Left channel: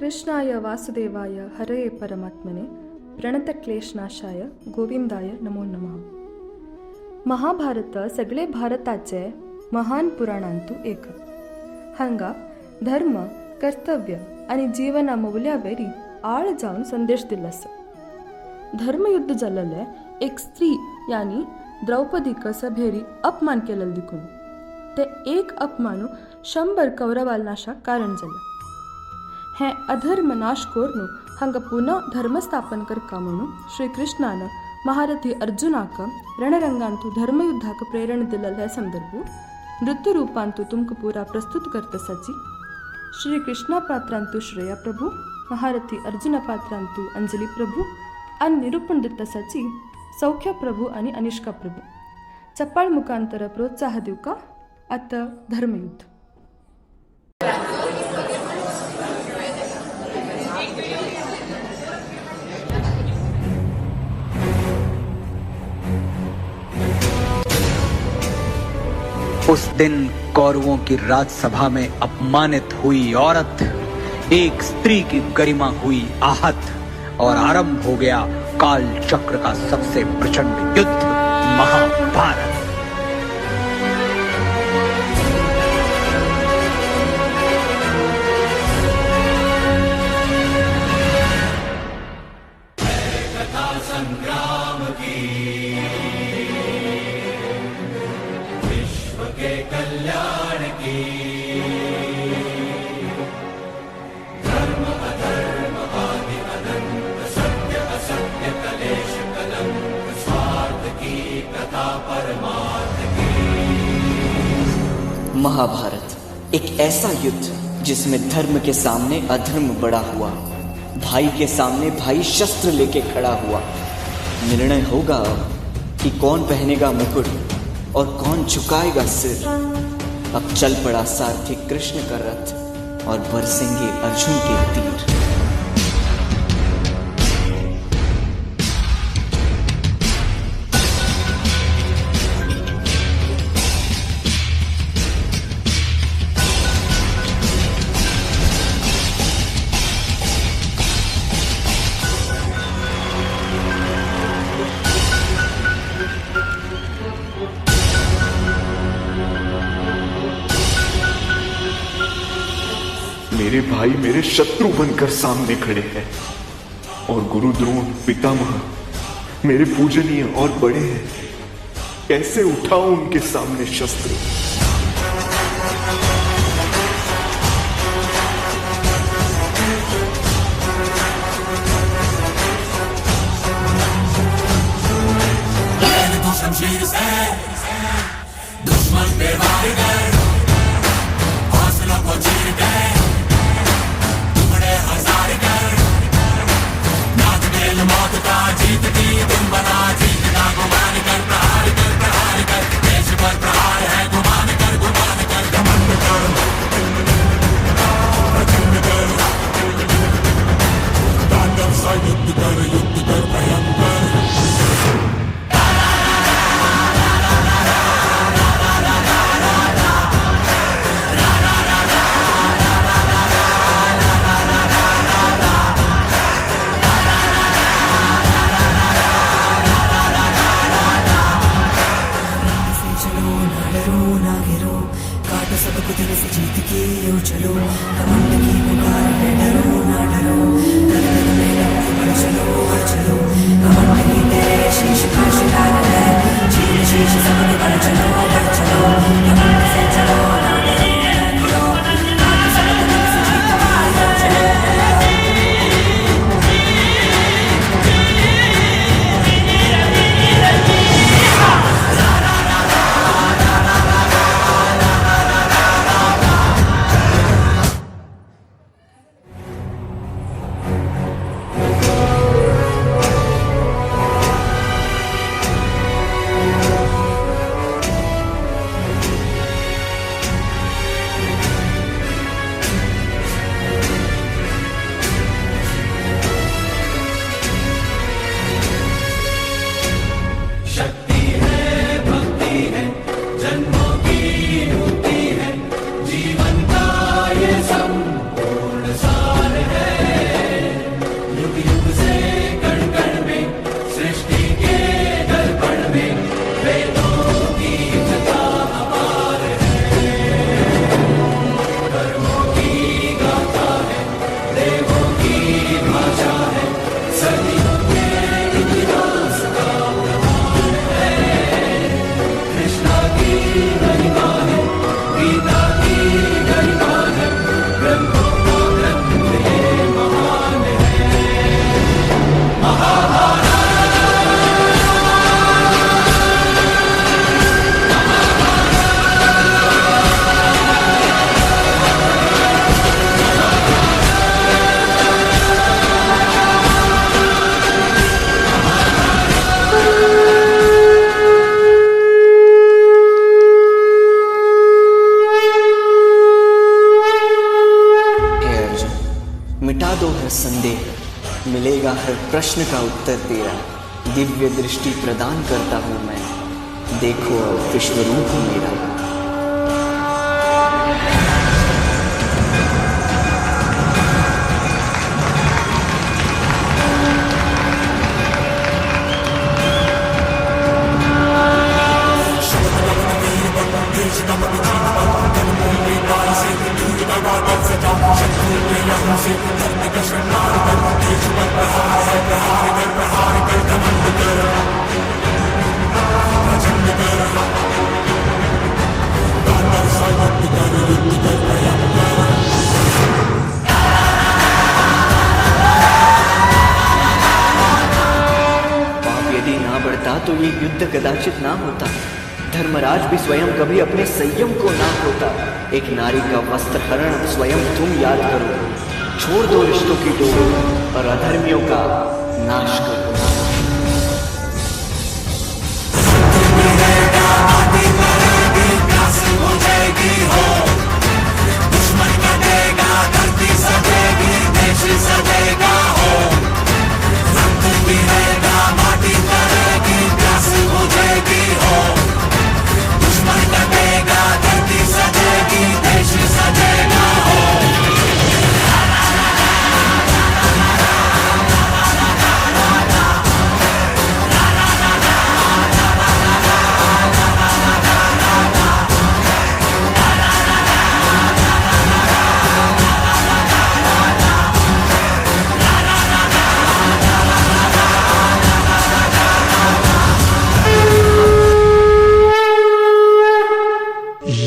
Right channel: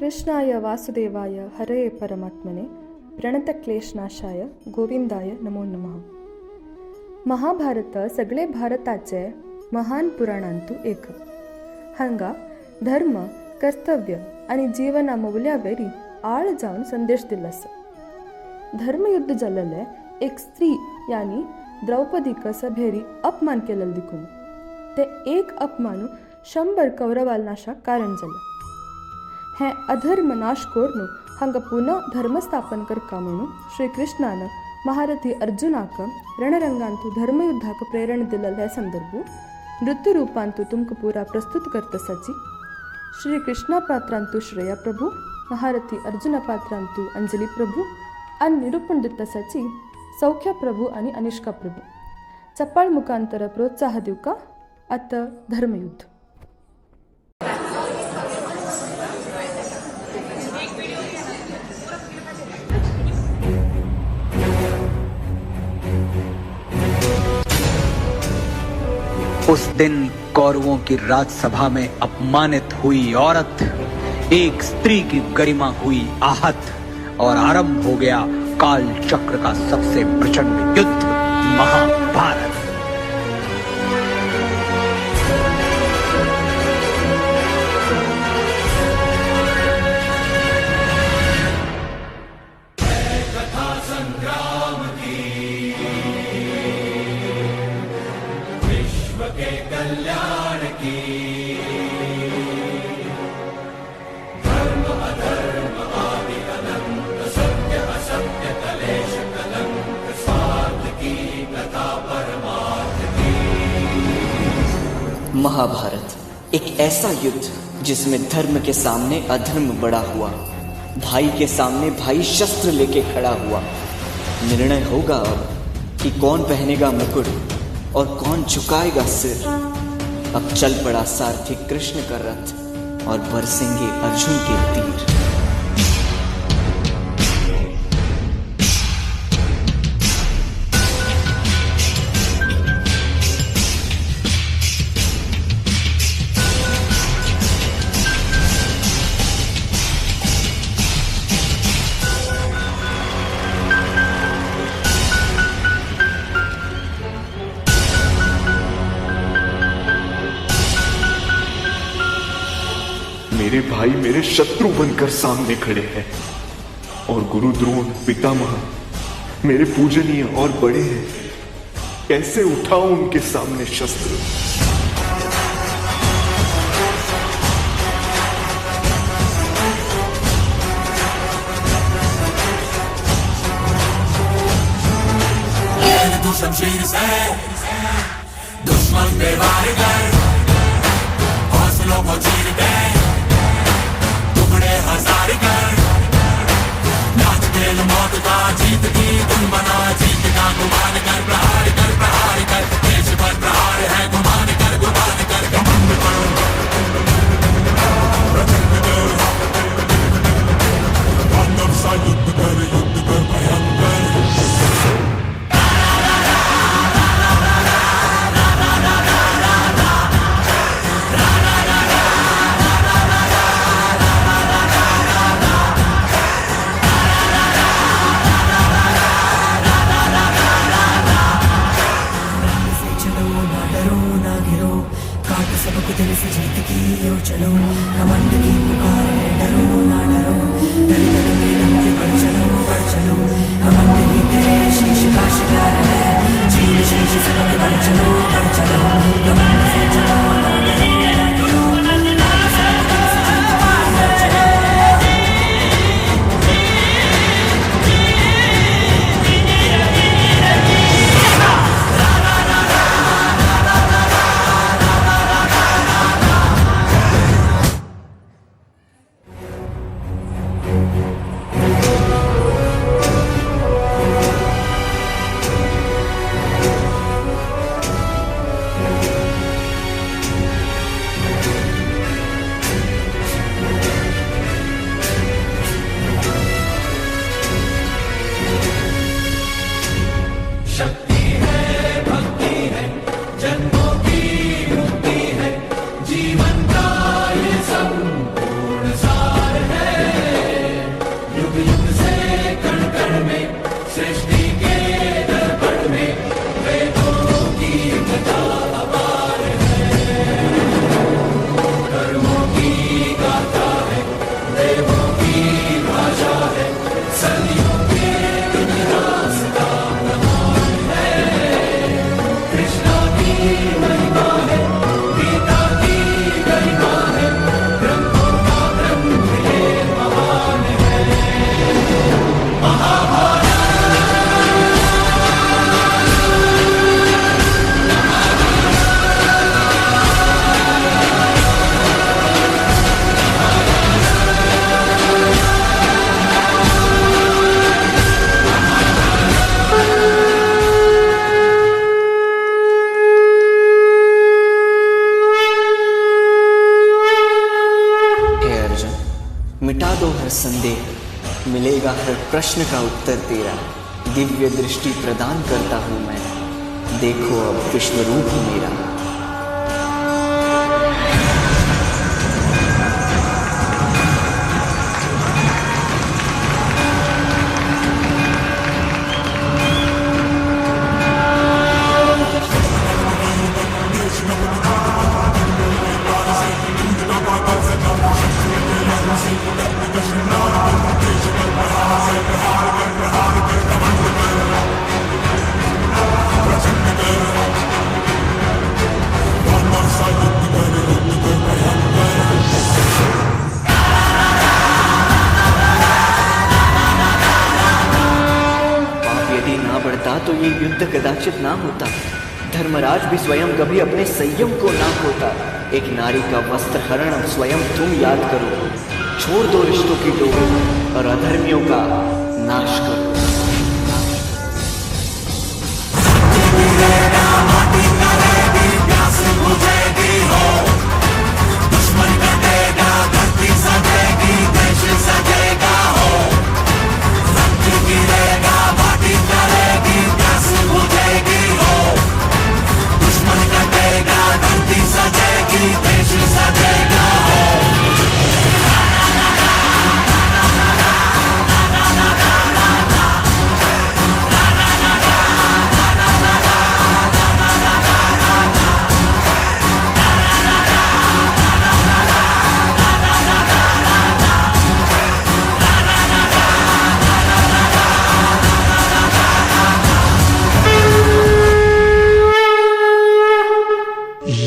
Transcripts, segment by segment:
कृष्णाय वासुदेवाय हरे परमात्मने प्रणतक्लेशनाशाय गोविंदाय नमो नमः. महाभारत सगळे भारताचे महान पुराणांतू एक. हांगा धर्म, कर्तव्य आणि जीवना मौल्यावेरी आळ जावन संदेश दिला आसा. धर्मयुद्ध जाल्ले एक स्त्री यानी द्रौपदीक सभेरी अपमान केलेलो देखून ते एक अपमानू 100 कौरवाल नाशाक कारण जालें. हें अधर्म नाश करून हांगा पुनः धर्मस्थापन करता म्हणून श्रीकृष्णान महारथी अर्जुनाक रणरंगांतू धर्मयुद्धाक प्रेरणा दिलेले हे संदर्भ नृत्य रूपांतू तुमकां पुरा प्रस्तुत करतसाची श्रीकृष्णा पात्रांतू श्रेया प्रभू, महारथी अर्जुना पात्रांतू अंजली प्रभू आणि निरूपण दितसाची सौख्य प्रभू आणि अनिष्का प्रभू. चप्पाळ मुखांतर प्रोत्साह दिवका. आता धर्मयुद्ध. उस दिन कौरवों की राजसभा में अपमानित हुई औरत, एक स्त्री की गरिमा हुई आहत और आरंभ हो गया काल चक्र का सबसे प्रचंड युद्ध, महाभारत. महाभारत एक ऐसा युद्ध जिसमें धर्म के सामने अधर्म बड़ा हुआ, भाई के सामने भाई शस्त्र लेके खड़ा हुआ. निर्णय होगा अब कि कौन पहनेगा मुकुट और कौन झुकाएगा सिर. अब चल पड़ा सारथी कृष्ण का रथ और बरसेंगे अर्जुन के तीर. मेरे भाई मेरे शत्रु बनकर सामने खड़े हैं और गुरु द्रोण पितामह मेरे पूजनीय और बड़े हैं. कैसे उठाऊं उनके सामने शस्त्र. शमशीर से दुश्मन पे वार कर, हौसलों को चीर दे, टुकड़े हजार कर. नाच खेल मौत का, जीत की धुन बना, जीत का गुमान कर. प्रहार कर, प्रहार कर, देश पर प्रहार है गुमान मिटा दो हर संदेह, मिलेगा हर प्रश्न का उत्तर तेरा। दिव्य दृष्टि प्रदान करता हूं मैं, देखो अब विश्वरूप मेरा। यदि ना बढ़ता तो ये युद्ध कदाचित ना होता। धर्मराज भी स्वयं कभी अपने संयम को ना खोता। एक नारी का वस्त्र हरण अब स्वयं तुम याद करो। छोड़ दो रिश्तों की डोर और अधर्मियों का नाश करो।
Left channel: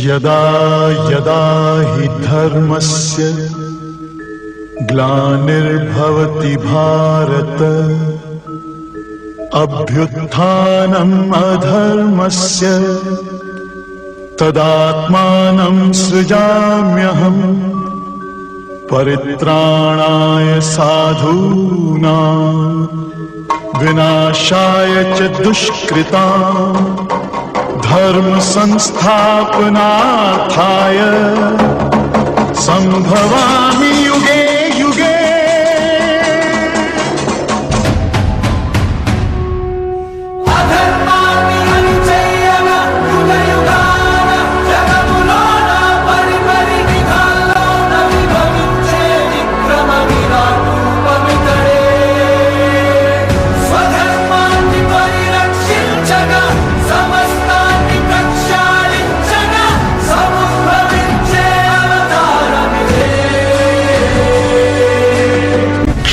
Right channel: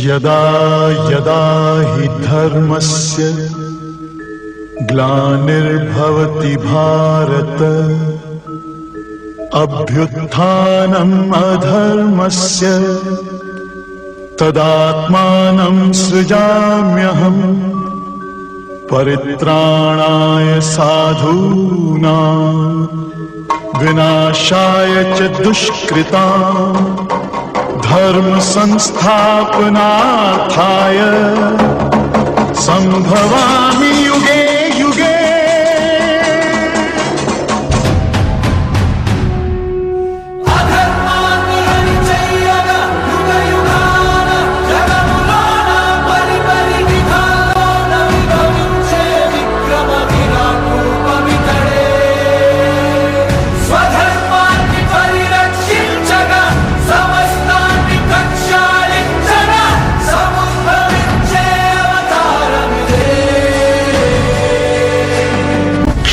यदा यदा हि धर्मस्य ग्लानिर्भवति भारत, अभ्युत्थानम् अधर्मस्य तदात्मानं सृजाम्यहम्। परित्राणाय साधूनां विनाशाय च दुष्कृताम्, धर्म संस्थापनार्थाय संभवामि युगे युगे।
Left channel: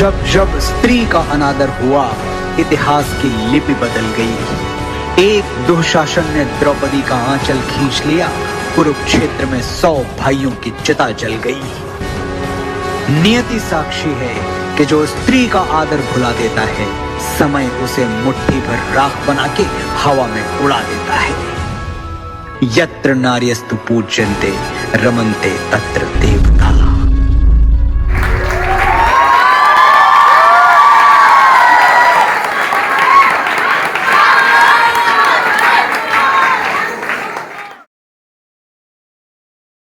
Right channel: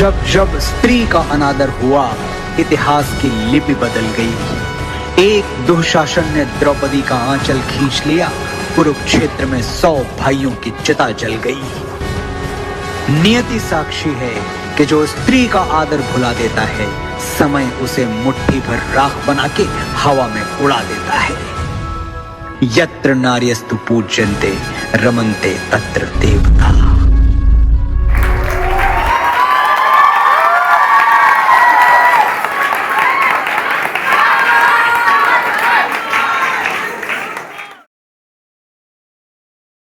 जब जब स्त्री का अनादर हुआ, इतिहास की लिपि बदल गई। एक दुशासन ने द्रौपदी का आंचल खींच लिया, कुरुक्षेत्र में 100 भाइयों की चिता जल गई। नियति साक्षी है कि जो स्त्री का आदर भुला देता है, समय उसे मुट्ठी भर राख बना के हवा में उड़ा देता है। यत्र नार्यस्तु पूज्यन्ते रमन्ते तत्र देवता।